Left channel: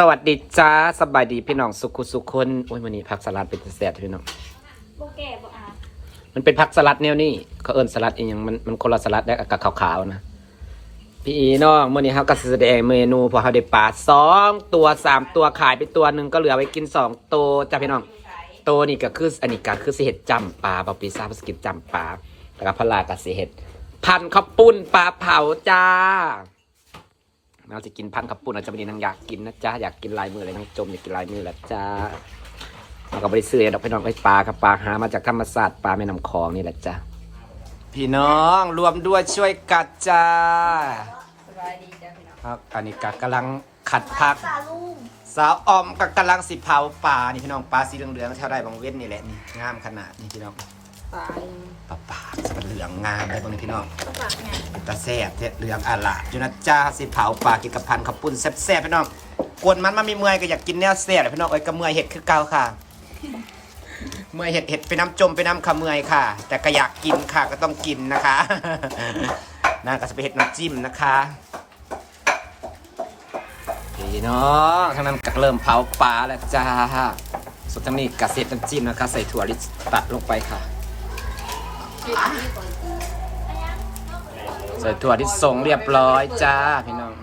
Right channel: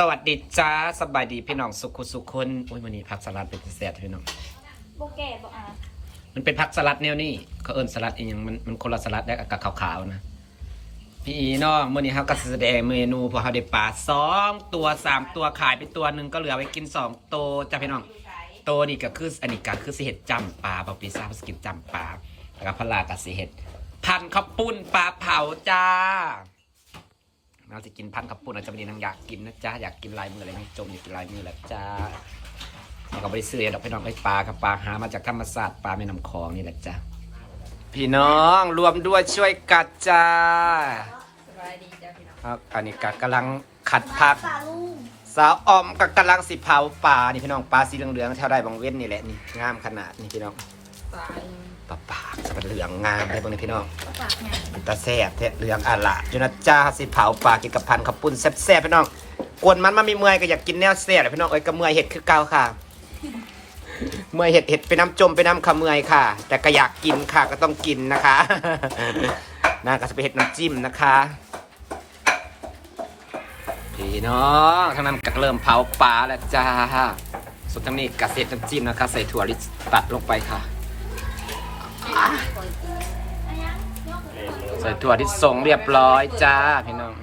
สวัสดีจ้าสบายดีพี่น้องสุขุสุขคนโอ้ยวันนี้ผักสลัดเป็นแซ่บๆพี่น้องโบแก่บอกอะมันเป็นผักสลัดแนวนี้เขาเอิ้นสลัดเองยังมันมันคนละสลัดได้กับขาวๆนะพี่อีน้องมื่อนี้เขาก็แสดงเมนูพอเขาได้ปลาสองตัวสามตัวขายไปตัวหนึ่งก็เหลือไว้กินสองตัวจ้าพี่น้องตัวนี่ก็คืออันนี้ก็คือสิเห็ดจำปลาปลาปีซาภาษากินจำปลาแล้วก็พลากับสิเห็ดพันข้าวปุ้นปลาเผาจ้า เราจะกินพันกับปุ่นอาจจะไม่ได้นางอยากกินนะจ๊ะอยากกินลายมือเลยน้องจมอยากกินลายมือแหละจ้าเราก็ไม่ได้ซื้อดอกพี่น้องไปปลากับปลาหามาจากธรรมศาสตร์ปลาแม่น้ำคลองนี่แหละจ้าพี่น้องรวมด้วยช่วยกัดจ้าสบายดีจ้ะพี่น้องครับอันนี้กัดกำลังขัดผักตาลุงสาวออมก็กำลังสิเผาปลานี่พี่น้องปลาสีเหลืองๆแถวได้บางเว้นนี่แหละนี่งามขนาดนี่พี่น้อง ตาปลาปากสับเหลืองงามเลยพวกนี้พี่น้องปากไงเป็นตาแซ่บแท้เหลืองอะละจุนะจ้าสิเผาปลากินกับพันขับปุ้นแซ่บๆพี่น้องกวนมันมันมีเมื่อยก็อยากกินแนวแซ่บเลยพี่น้องเอ้ยก็เมื่อยเห็ดคือเก่าค่ะ เมื่อยเห็ดเห็ดไปน้ำจมไปน้ำขะเมื่อยค่ะ แต่ก็อยากกินค่ะก็ต้องกินนะคะน่าก็จะไปเห็ดน้ำจิ้มนะคะพี่น้องทางนั้นก็เริ่มเผาปลาแล้วจ้าส่วนทางนี้กระเซ็ดน้ำจิ้มนะคะ ใส่ถั่วลิสตัดลงไปค่ะ ใส่ถั่วที่ส่งเรียบร้อยจ้าพี่น้อง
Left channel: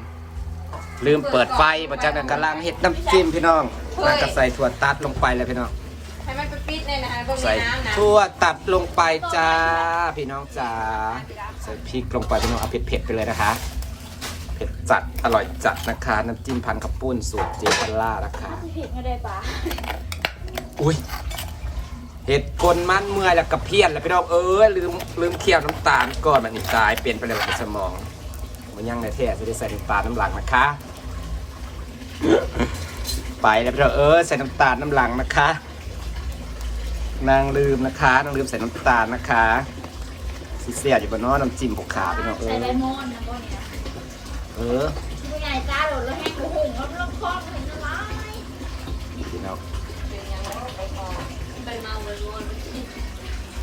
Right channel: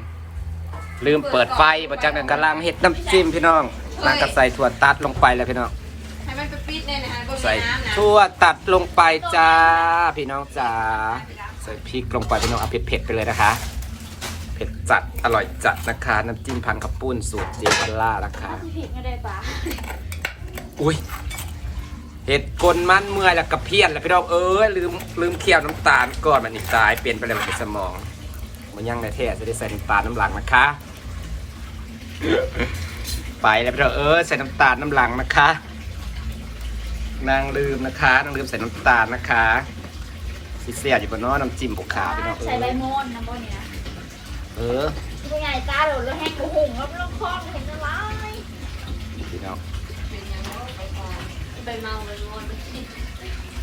ลืมเปิดไฟประจักษ์นั้นกำลังเห็ดน้ำจิ้มพี่น้องนางก็ใส่ถั่วตัดลงไปเลยพี่น้องให้มันปิดๆเนี่ยนะก็มีใส่น้ำนะถั่วตัดลงไปจ้าพี่น้องจ้าใส่พริกลงไปพี่น้องเอาเผ็ดๆไปเลยนะคะ เผ็ดจัดอร่อยจัดนะคะ น้ำจิ้มพันข้าวปุ้นสูตรเจพัลล่านะคะผิดไม่ได้ปะอุ้ย เห็ดกลมันเมื่อยแล้วกระเพี้ยนแล้วพี่น้องเอ้ยลืมลืมเคี่ยวน้ำตาลก่อนมันอีกตายเปลี่ยนไปเลยมันสมองมันยังในแท้จะได้ใส่น้ำตาลน้ำหลังนะคะ ไปแล้วพี่น้องเอ้ยใส่น้ำตาลน้ำหลังนะคะ นางลืมนะคะนางลืมใส่น้ำตาลนะคะสิเสียอยู่บนน้อน้ำจิ้มผูกขาพี่น้องเอ้ใส่ยใบมอนนะพวกเนี้ยเออ ผู้ใหญ่ตาโดดแล้วแห้งกระหุ่งแล้วลูกคอนเห็นอะไรพี่น้อง ใบเมาใบมอน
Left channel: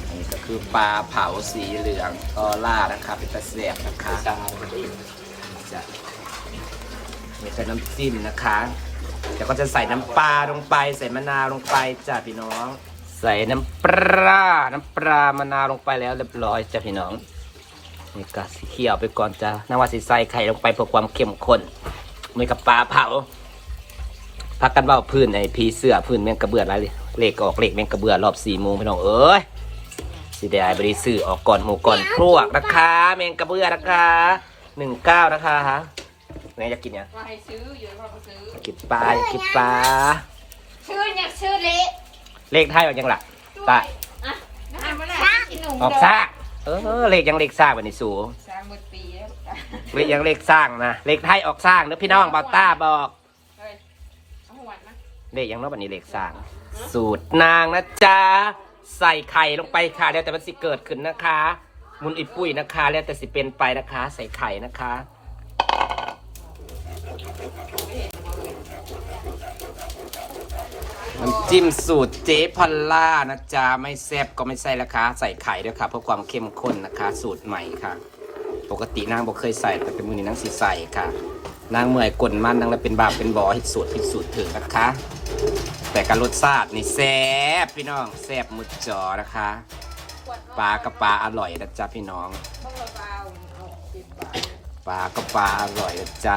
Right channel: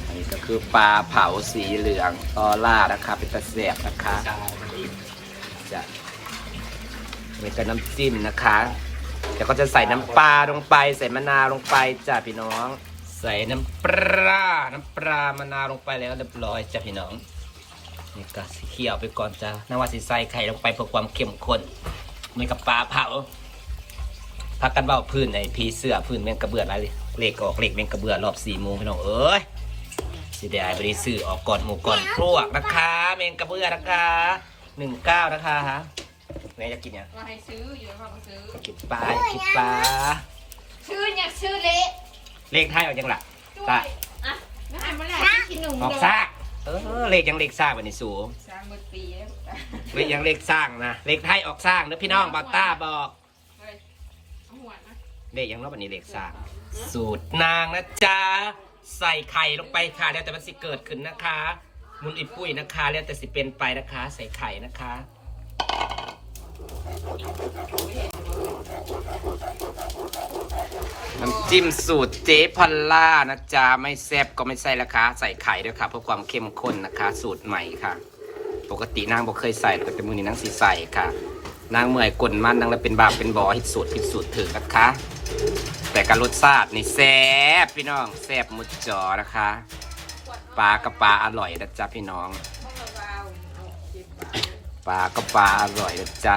อันนี้ก็คือปลาเผาสีเหลืองออร่านะคะ เป็นตะแสบนะคะจะมีกับน้ำจิ้มนะคะเดี๋ยวก็จะใส่น้ำปลาลงไป ใส่มะนาวลงไปจ้ะพี่น้อง ใส่น้ำปลา น้ำปลามะนาวลงไปแล้วเรียบร้อยจ้ะพี่น้องนี่ก็สีเขียวไปก่อนจ้ะน้ำว่าสีใส่ไข่ลงไปเพื่อความเข้มข้นมีกับปลาเผาพักกันว่าพื้นไอ้พีเสื้อพื้นแมงกระเบืออะไร เลขออกเลขแมงกระเบือรอบสี่โมงพี่น้องเอ้ยสิได้บริสื่อออกก่อนหมูก่อนพวกนะคะแมงกระเบือนะคะหนึ่งเก้านะคะฮะไหนอยากกินเนี่ยว่าให้ซื้อเยอะกว่าซื้ออยากกินปลาอยากกินปลาชื่ออยากชื่อเละเลขไทยออกยังล่ะปลาอะน้ำมันแหละกินหนุ่มออกเด้อซ่ากเออเลขยังเลขซ่ากวันนี้สูงสามหมดปีแล้วจ้ะเลขยังเลขสร้างนะเลขไทยออกสร้างเด้อพี่น้องบอต้าบอกเฮ้ยเอาหัวนะเลขยังเนาะวันนี้เลขสร้าง สูตรนางนะจ๊ะใส่ไข่ลงไปค่ะ แล้วแต่มันสิเกิดขึ้นนะคะ มุนอิปุ้ยนะคะ แล้วแต่สิเป็นไปนะคะ ใส่ไข่นะคะ น้ำจิ้มสูตรเจ๊พอลล่านะจ๊ะไม่แซ่บก็ไม่ใส่ละคะใส่ไข่ด้วยค่ะ เพื่อความเข้มข้นนะคะ สูตรใหม่ค่ะ ปกตินางบอกเคยใส่แต่เป็นมือนี้นางสีใส่ค่ะนางเมื่อยกลนมันนางเลยเป็นบาปเป็นบอหิดสูตรผิดสูตรถึงนะคะ แต่การรสชาตินี่แซ่บพี่น้องแซ่บมุดจอนะคะปลากับปลาอร่อยนะจ๊ะพี่น้องปลากับปลาอร่อยนะจ๊ะ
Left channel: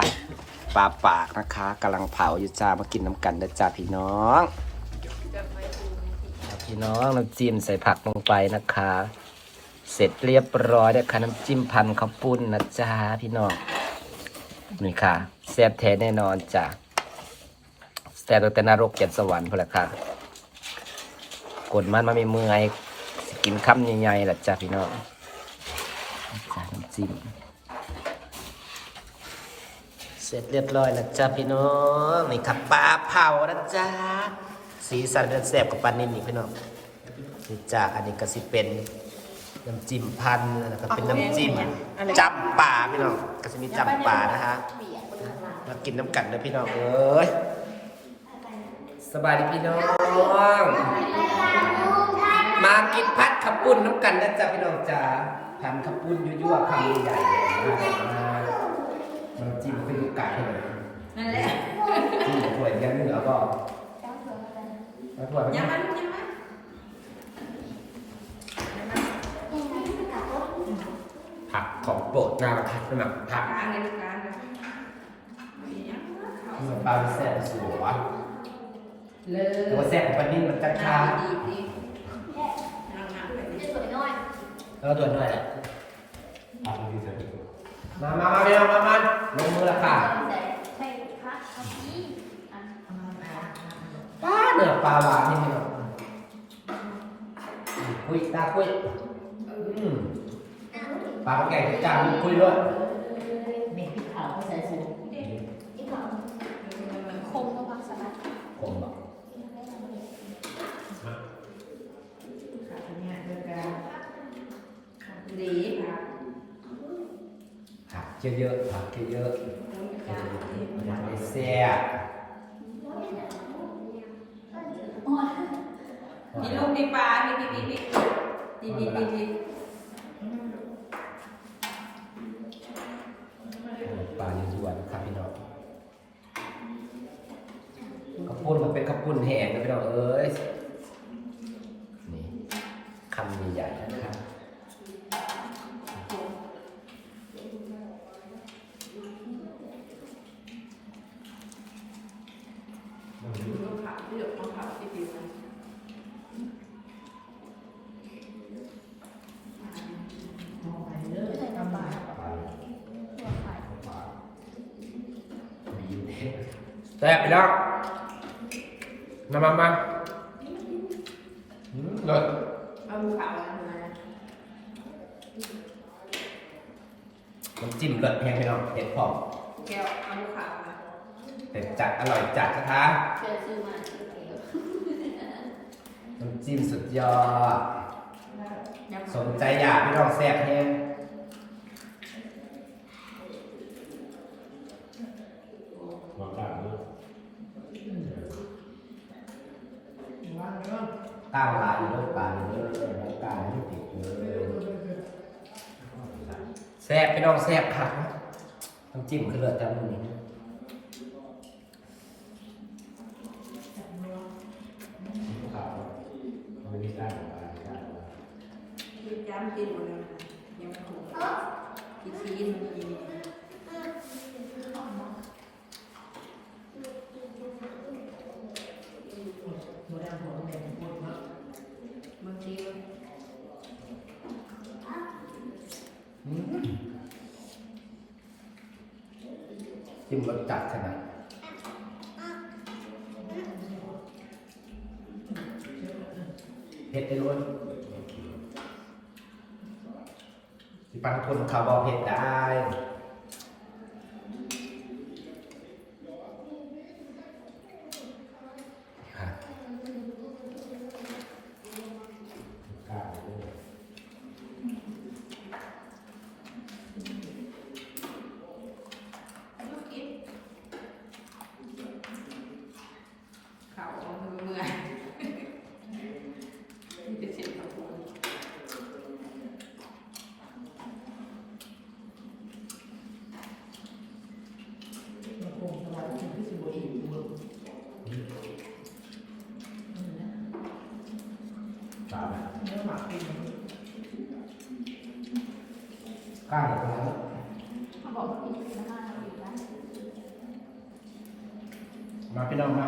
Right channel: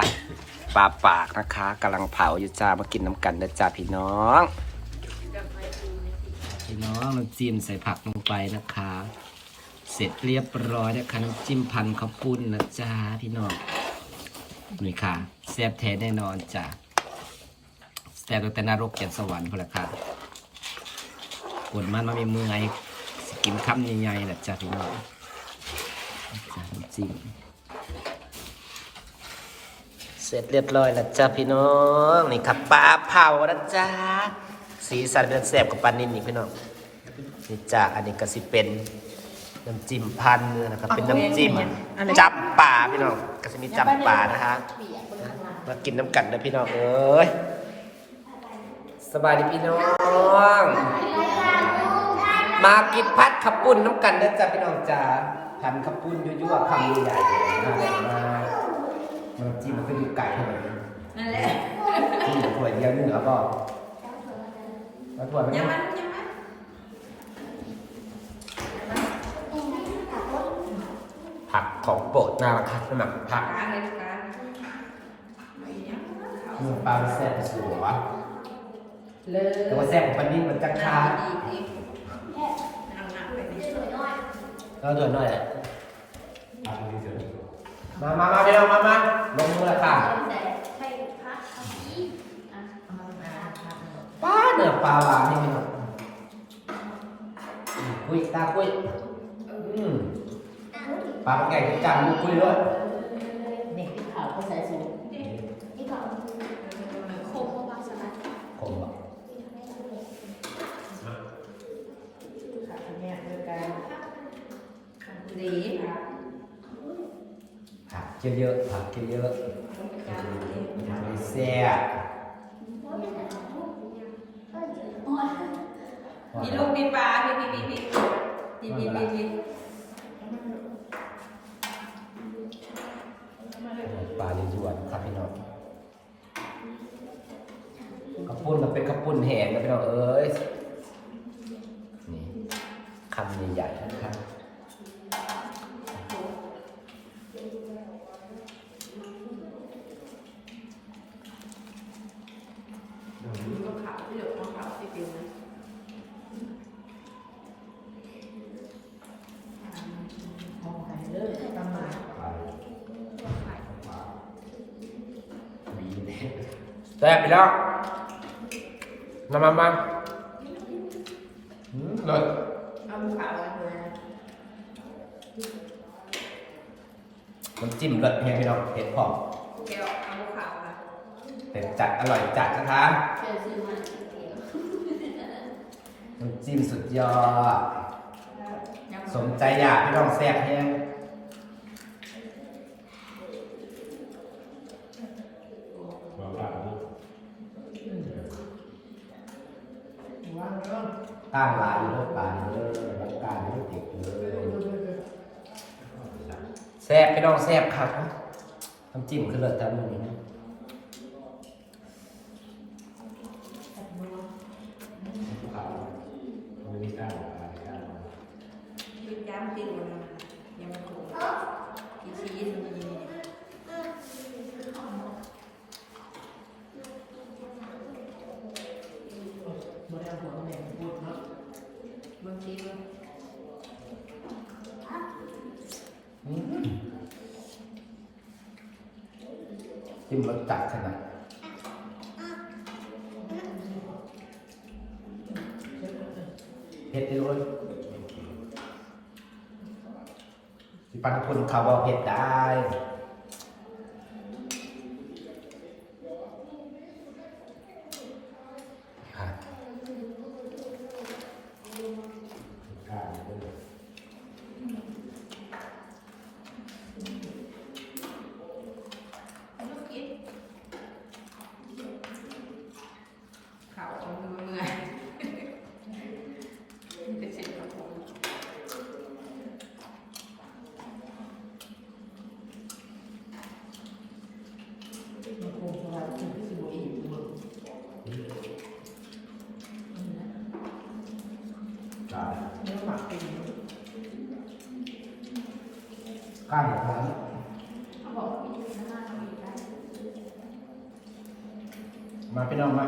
ปลาปากนะคะกำลังเผาอยู่จ้ามากินน้ำกันนะจ๊ะพี่น้อง พี่น้องน้ำจิ้มใส่ผักลงไปนะคะ เสร็จเรียบร้อยนะคะน้ำจิ้มพันข้าวปุ้นนะจ๊ะพี่น้องนี่ค่ะแซ่บแท้แน่นอนจ้ะ แต่ตั้งแต่นรกเจ็ดสวรรค์พละค่ะกดมันมาไม่เมื่อยสกินคำใหญ่ๆแหละจ้ะพี่น้องจิ้มเสร็จเรียบร้อยแล้วจ้ะพี่น้องนี่ครับปลาเผานะจ๊ะสีสันเป็นแซ่บกับปลานิ่มนี่พี่น้องนี่จ้ะอันนี้ก็สิเป็นน้ำจิ้มพันธุ์นะครับเป็นน้ำจิ้มจำป่าพี่น้องก็จะมีจำป่านะคะมากินน้ำกันนะพี่น้องเอ้ย สบายดีพี่น้อง มากินพัดขับปุ้นน้ำกันนะจ๊ะพี่น้องจ๋าพันขับปุ้นยั่วๆคำใหญ่ๆมามามันจิ้มขึ้นไก่ให้หน่อยนั่นแหละจิ้มถ้วยบ่เจ้าเถื่อนมาแต่มาถ้วยมันยังมันยังมันผักของโปรดน่ารักครับสมัครผักกลางเลยกลางไม่ยังเขานี่มันปลาแซ่บสวย เลยแต่ว่าแซ่บของปันนี่มันจักชาดีดีนั่งนั่งไปจะสวยน้อยแล้วตัวหน่อยอะมามามาไปเอามามาลงมือและค่ะแต่ใช่พักเอาที่อะป้าเนื้อปลาหวานนี่พี่น้องอืมคุยตาคุยอืมปลาแก่จังคุยด้วย นี่พี่ขาวเขาใส่สูง นี่ของคมมาพักสบาย ผมบอก ขาคนเนี้ยเดียวกัน ดีค่ะผักเยอะๆผักเยอะๆมันไม่แซ่บมีลูกมีปลามีมีมีมีดีดีดีดีปลาลิ้นจวนครับพี่น้องข้าวปุ้นมันเป็นข้าวปุ้นแห้งนะพี่น้องเอ้ย ที่หยกน้องขาวที่กินนะมองไปเรื่อยใช่ประน้ำปมตัวไข่แซ่บพี่น้องมามามาอืมรสเอาลูกขาวอะไรมาน้ำจิ้มรสแห้งพี่น้องเผ็ดพอมแก้วเอาลูกขาวมาแต่จัดอร่อยจัดนะคะใครจะซื้อมา น้ำจิ้มสุดยอด สมใจอยากพี่น้องแซ่บแห้งว่าเรื่องตั้งร้านอยู่น้ำตาลเลยน้ำตาลไม่ติดเลยแซ่บพี่น้องแซ่บครับน้ำจิ้มคือเลิศจังนี้วิจามกินหมดแล้วนะคะยังไม่ถูกกินชีสมันมี โมเดลหัวมันแดงพูดเนาะ บางทีมัน อืม จิ้มรสจัดขนาดเผ็ดไปเลยที่ปันคนเขาบอกเผ็ดได้ค่ะ ลูกกินขาวมันเมื่อยเป็นเศษข้าวโพด มันคงสบายที่สุดที่สุดอีกมือ เนื้อหมักเป็น ก้างเหรอครับเขาบอกว่ามีน้ำมันเราอยู่ได้มาพี่น้องมา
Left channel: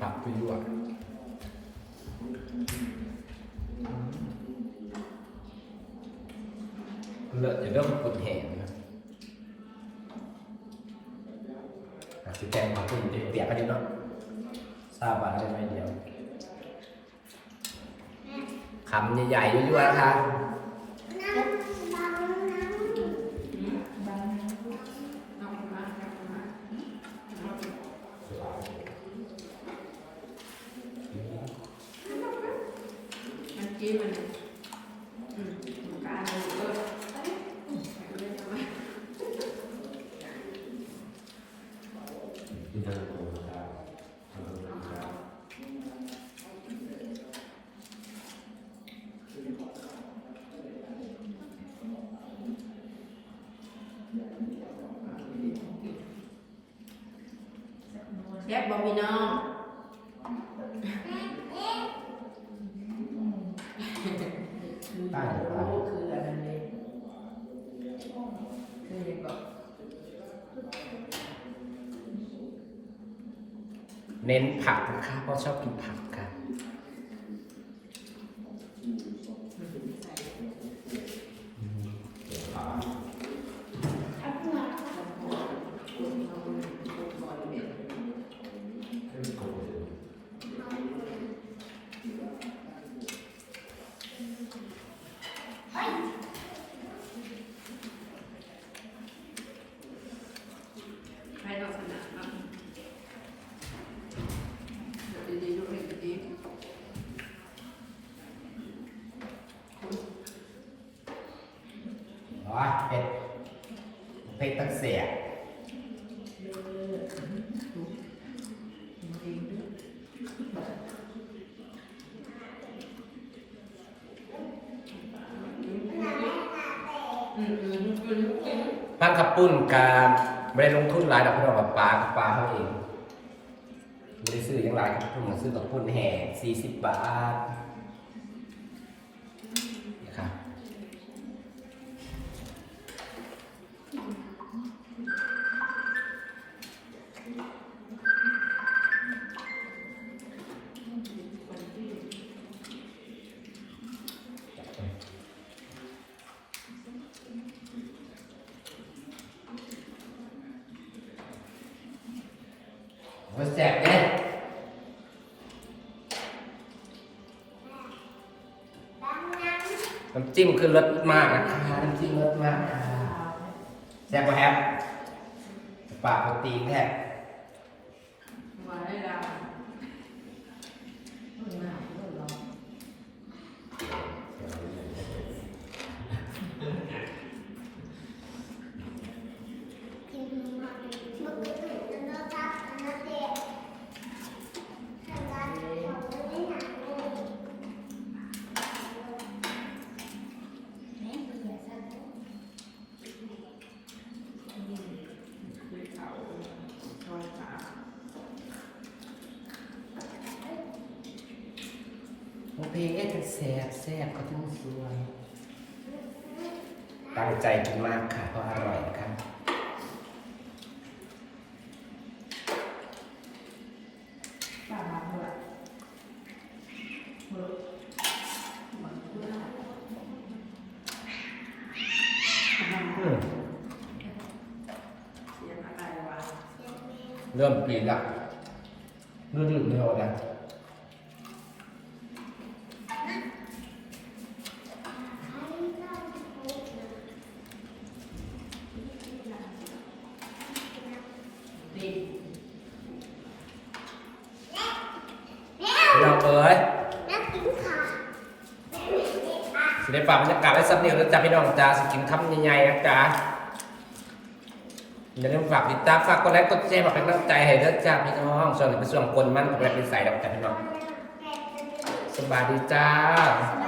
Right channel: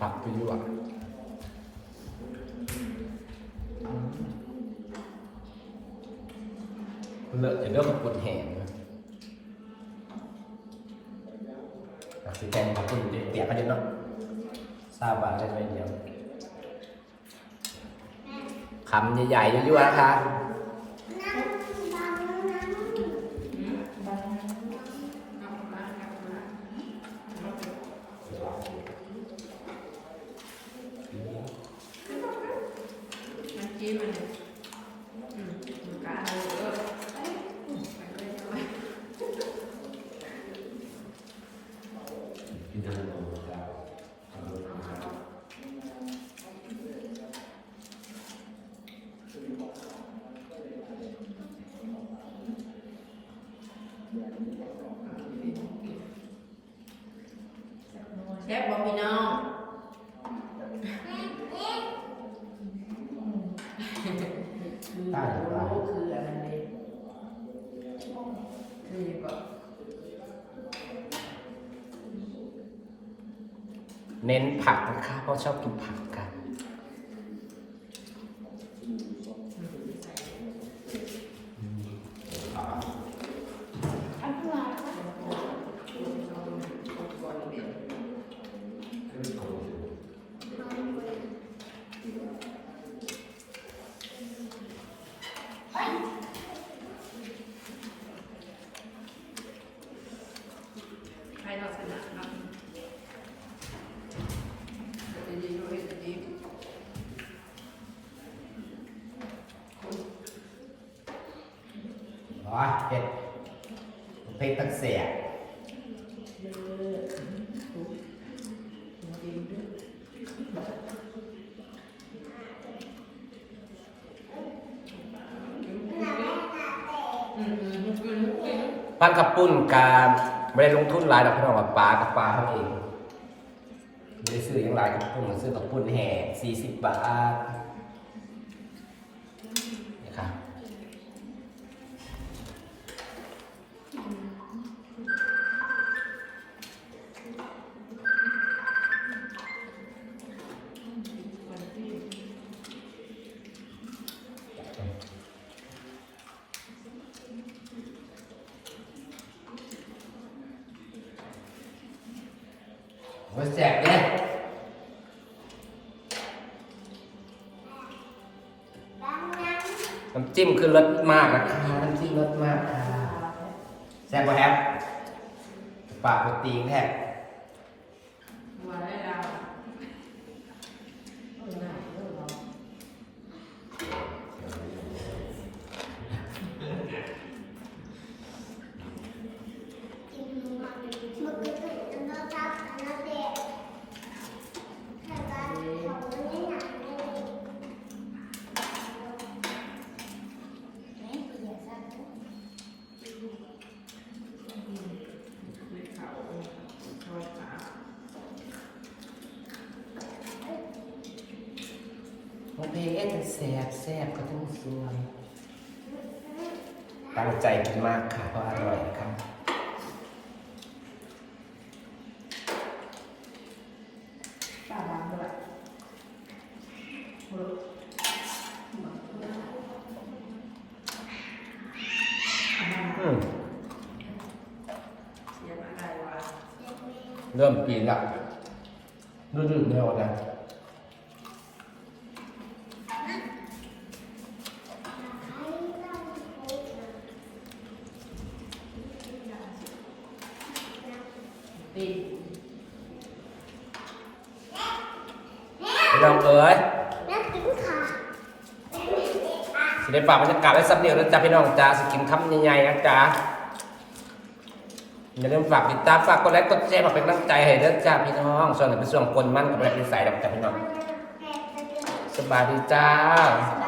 ผักคือลวกเลิกเริ่มปวดแหงนะอะสิแกงผักคุณเปียกกันเยอะเนาะทราบว่าได้ไหมเดียว คำใหญ่ๆด้วยนะคะ เอามาเอามาเอาไปมันจี้มันอืมมันก็อันนี้เออมันเรียบร้อย อ แซ่บบ่พี่น้องใต้หรือเปล่า คืออันนั้นเลยคือยังก็เน้นผักนะคะเพราะชอบกินผักค่ะ ใค รนอกสนามเนาะดีๆลูกเห็นดีคนอ๋อเผ็ดเผ็ดตั้งเสียอืมอืมกินกินพันขับปุ้นการ ไม่ได้ลงทุนหลายดอกพี่น้องกับปลากับปลาเขาเองไม่ได้ซื้อยังหลายขับปุ้นซื้อขับปุ้นแห่สี่สิบบาท โอ้ยแซ่บเนี่ยน้ำจิ้มคือรสมากนะคะน้ำจิ้มรสมากค่ะแซ่บกว่าแฮปปากโปรตีนแท้ มาได้แล้ว เออน่าเออเนาะ คือเขาซอยขา โอเคเอ๊ะจะแซ่บแซ่บก็ต้องสวย ตั้งใจกินมากค่ะเพราะอร่อยนะคะป้าล้างแล้วล่ะมือมันคืออันนั้นอืมเสียงอะไรวะเริ่มปีนละรู้สึกเร็วนะ ดี พี่น้องเอ๋ยสิได้ฝากบรรยากาศไว้สักเดียวแล้วจ้าพี่น้องจ้าสกินคำใหญ่ๆนะจ๊ะอย่าลืมฝากติดตามฝากกดไลค์กดแชร์มาเป็นกำลังใจให้เด้อจ้าพี่น้องส่วนหนึ่งเป็นส่วนคนมั่นกับแรงดีใส่ดอกจ้าพี่น้องสบายดีจ้าบ๊ายบาย